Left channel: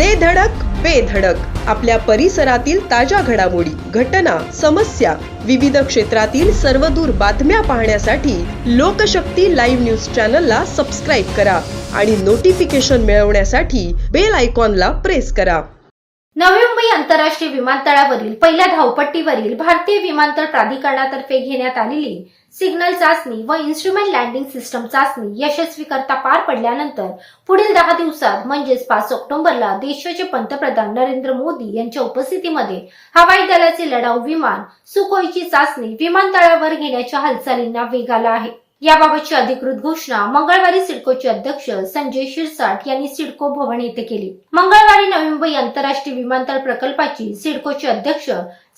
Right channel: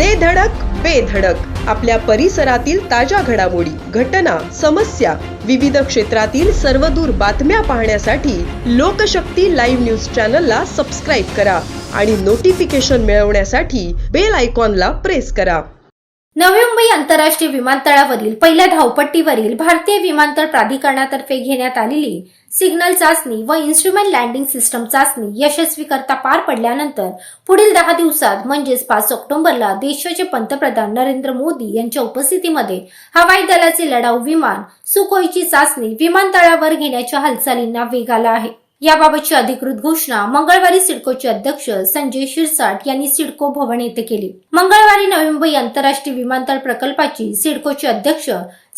दे धडक बेधडक आपल्या परिसरातील ताज्या घडामोडी घटना समस्या विविध क्षेत्रातील सर्वदूर बातम्या पाहण्यासाठी लोकशक्ती लाईव्ह न्यूज चॅनलला सबस्क्राईब करा आणि नोटिफिकेशन मिळवण्यासाठी बेल आयकॉनला प्रेस करा. नवी मुंबई आंतरराष्ट्रीय विमानतळावरील पहिल्या धावपट्टीवरील भारतीय विमानतळ प्राधिकरणातर्फे घेण्यात आलेली सिग्नल चाचणी व इन्स्ट्रुमेंट लँडिंग सिस्टम चाचणी यशस्वी करता पार पडल्यानंतर पुढील दहा दिवसात म्हणजेच पाच ऑक्टोबरला देशाचे पंतप्रधान नरेंद्र मोदी यांच्या उपस्थितीमध्ये हवाई दलाचे लढाऊ विमान सुखोईची चाचणी विमानतळावर घेण्याच्या हालचालींना वेग आला आहे. याबाबतची अधिकृत घोषणा मंगळवारी सिडकोचे अध्यक्ष संजय शिरसाट यांनी सिडको भवन येथे केली. मंगळवारी नवी मुंबई आंतरराष्ट्रीय विमानतळ प्रकल्पाची सिडकोचे अध्यक्ष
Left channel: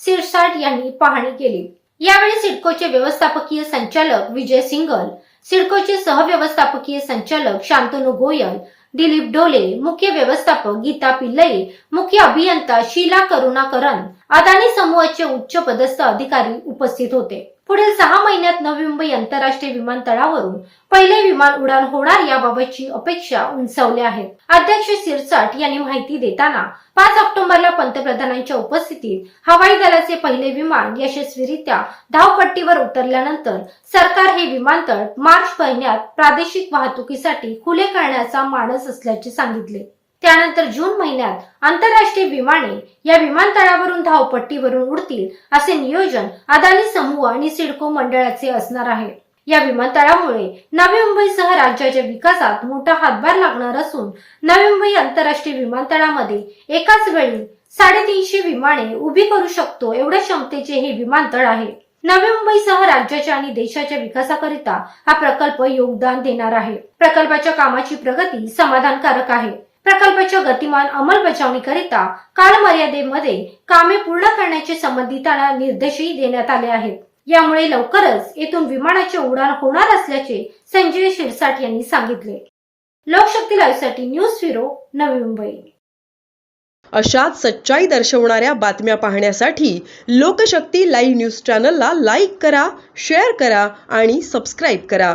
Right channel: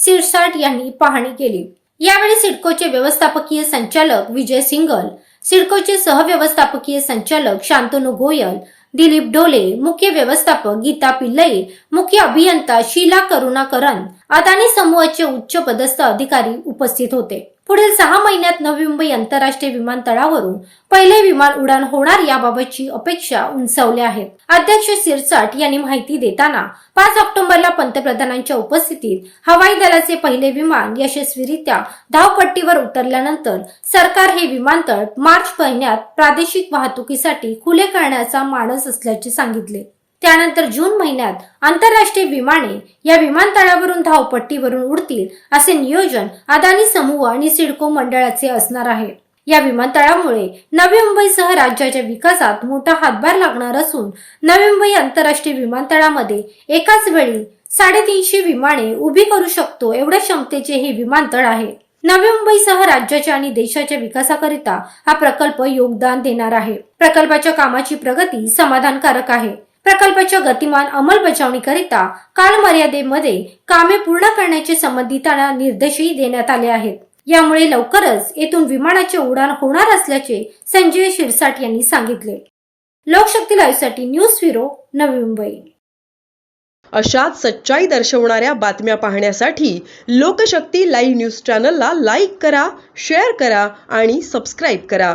शिरसाट यांनी पाहणी केली. यावेळी सिडकोचे व्यवस्थापकीय संचालक विजय सिंगल सिडकोचे सहव्यवस्थापकीय संचालक शांतनू गोयल दिलीप डोले मुख्य व्यवस्थापक गीता पिल्लई मुख्य अभियंता शीला करुणाकरन अदानी समूहाचे उच्च पदस्थ अधिकारी उपस्थित होते. पुढील सहा महिन्यात नवी मुंबई आंतरराष्ट्रीय विमानतळावरून पहिले विमान उडान होणार याबाबतची अपेक्षा उंचावल्या आहेत अध्यक्ष सिरसाट यांनी माहिती देताना पाच ऑक्टोबरला पंतप्रधानांच्या उपस्थितीत हवाई दलाचे पहिले विमान यशस्वीरित्या धावपट्टीवर उतरल्यानंतर सरकार हे विमानतळ मार्च महिन्यात प्रादेशिक वाहतुकीसाठी खुले करण्याचा मानस असल्याचे सांगितले. त्यानंतर जून महिन्यात आंतरराष्ट्रीय विमाने या विमानतळावरून धावपट्टीवरून उडतील असे नियोजन अदानी समूह आणि सिडको मंडळाचे असणार आहे. या विमानतळामुळे नवी मुंबईसह राज्याच्या विकासात मोठा हातभार लागणार असून नवी मुंबई आंतरराष्ट्रीय विमानतळामध्ये एकाच वेळी साडेतीनशे विमाने उभी करू शकतो एवढ्या क्षमतेचे हे विमानतळ आहे. नवी मुंबईसह राज्याच्या आणि देशाच्या विकासाकरिता हा प्रकल्प योगदान देणार आहे. प्रकल्पाच्या कामाची प्रगती समाधानकारक आहे. प्रकल्पाच्या गतिमान अंमलबजावणीकरिता कालमर्यादेमध्ये कामे पूर्ण करण्याचे संबंधितांना निर्देशही देण्यात आले आहेत. यामुळे लवकरच येथून विमानाचे उडान होणार असल्याचे संजय शिरसाट यांनी सांगितले. लोकशक्ती लाईव्हसाठी न्यूज ब्युरो नवी मुंबई. अशाच सच्चाई दर्शवणाऱ्या बातम्या पाहण्यासाठी लोकशक्ती लाईव्ह न्यूज चॅनलला लाईक करा शेअर करा आणि सबस्क्राईब करा.